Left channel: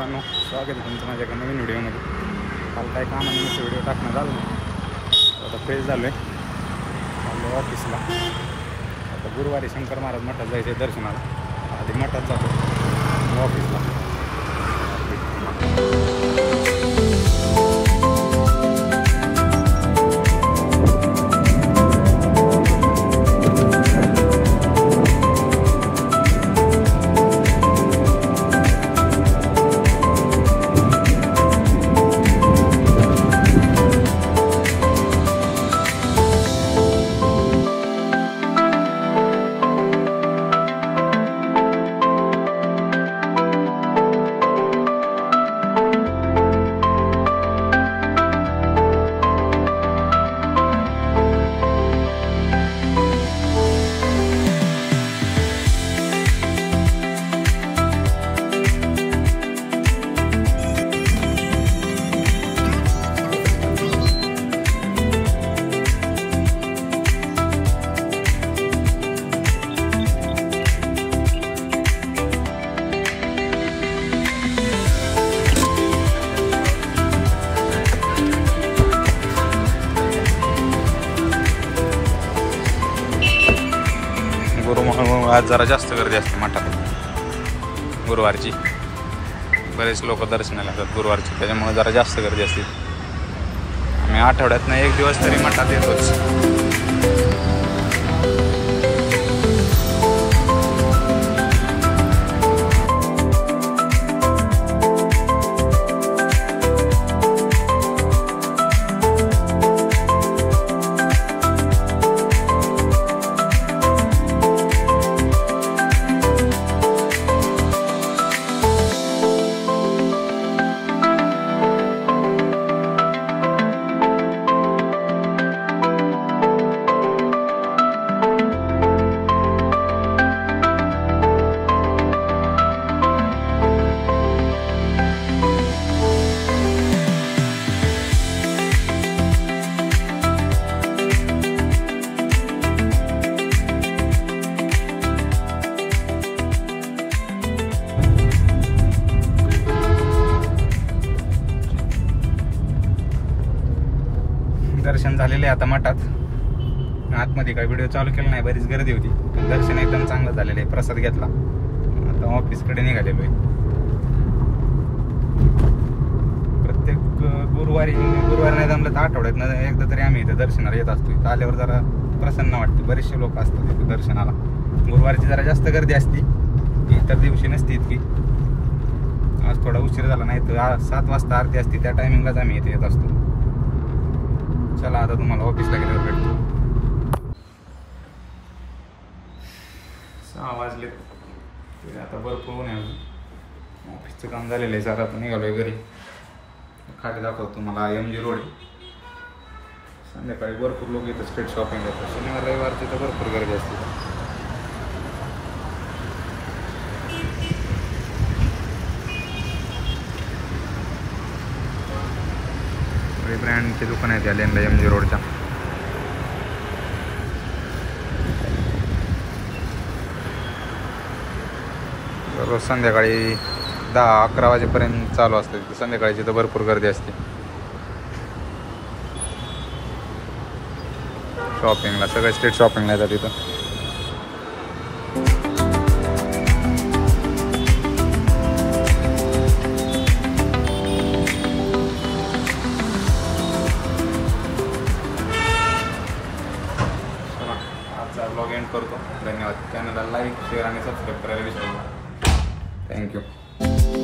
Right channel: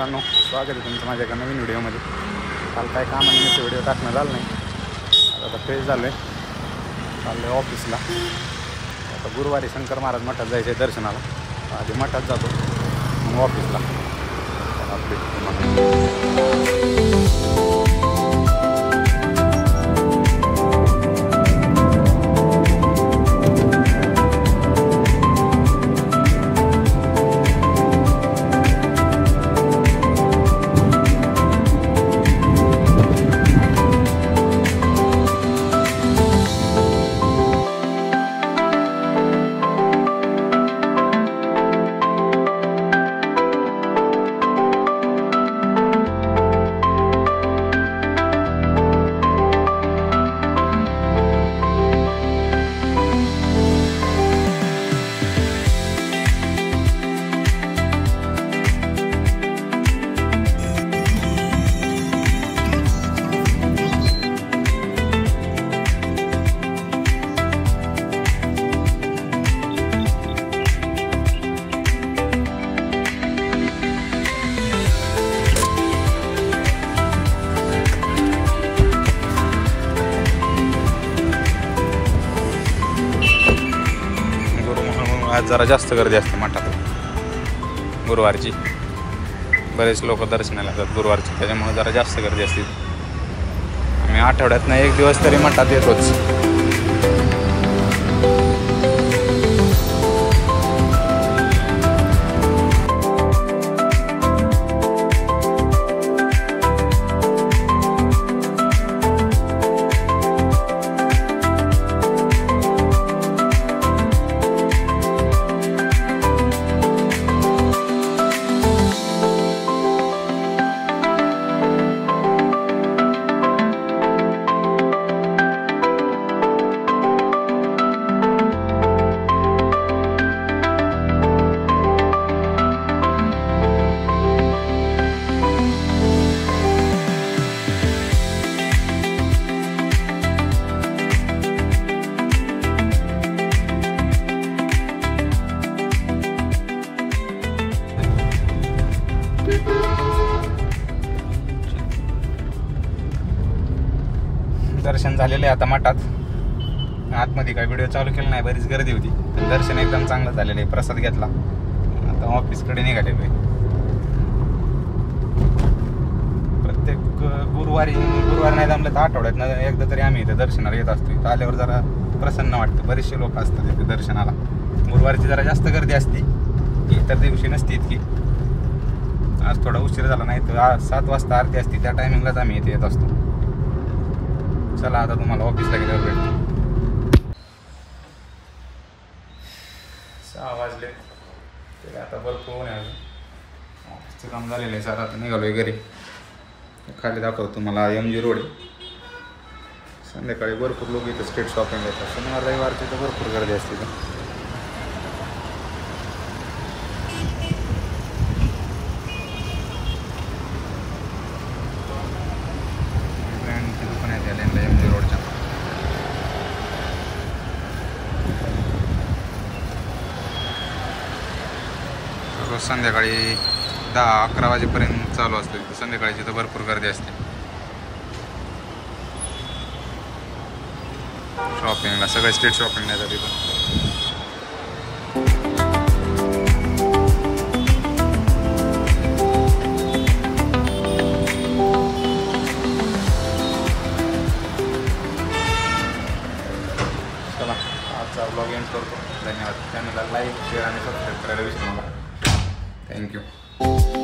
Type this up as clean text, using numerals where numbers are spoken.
मित्रांनो, स्वागत आहे तुमचं माझ्या एका नवीन व्हिडिओमध्ये. काल काय कामानिमित्त व्हिडिओ टाकणं झालं नाही. आता फ्रेश झालो आहे, चाललो आहे ऑफिसला. आता गुरुवारी शंकर महाराज मठात जायचं आहे दर्शनाला. आधी मठात जातो मग ऑफिसला. आज जरा जास्त गर्दी असते मठात गुरुवारची. बरेच लोक दर्शनाला येतात गुरुवारची, त्याच्यामुळे जरा जास्त गर्दी असते. आम्ही आठवड्यातनं एक दिवस तरी मठात येतोच. दर्शन झालेलं आहे आता मठात. आतमध्ये काही व्हिडिओ चालू केला नाही, बरीच गर्दी होती. दर्शन एकदम चांगलं झालेलं आहे. प्रसाद घेतला, आता ऑफिसकडे निघालेलो आहे. प्रत्येक गुरुवारी नाही जमलं तर आठवड्यात एकदा तरी आम्ही इथे दर्शनाला येत असतो. इथं आल्यावर जरा प्रसन्न वाटतं. बरेचसे लोक असतात इथे दर्शनाला. गुरुवारची जरा जास्त गर्दी असते, इतर दिवशी नसते इतकी. आज थोडा उशीर झाला, नाही तर 7 वाजता आरती असते, त्या टायमिंगलाच आम्ही इथे येत असतो. चला आता तुम्हाला ऑफिसला गेल्यावर भेटतो. 6 वाजले तरी आता भरपूर ऊन आहे. ऑफिसचं काम झालेलं आहे. जरा आता निघालो आहे घरी. खाली दाखवतो तुम्हाला MG रोड आहे. संध्याकाळी भरपूर लोक इथे स्ट्रीट शॉपिंग येतात. शनिवार रविवारची तर भरपूर गर्दी असते. ब्रँडचे दुकान आहे त्या लेनला MG रोडच्या. रोज संध्याकाळी 10-11 वाजेपर्यंत चालू असतं तिथं. संध्याकाळची तर भरपूर गर्दी असते शॉपिंगला. सगळे स्ट्रीट शॉपिंगला येतात तिथं. ब्लॉग एंड करतो. धन्यवाद. चॅनलला लाईक, शेअर आणि सबस्क्राईब करायला विसरू नका. थँक्यू.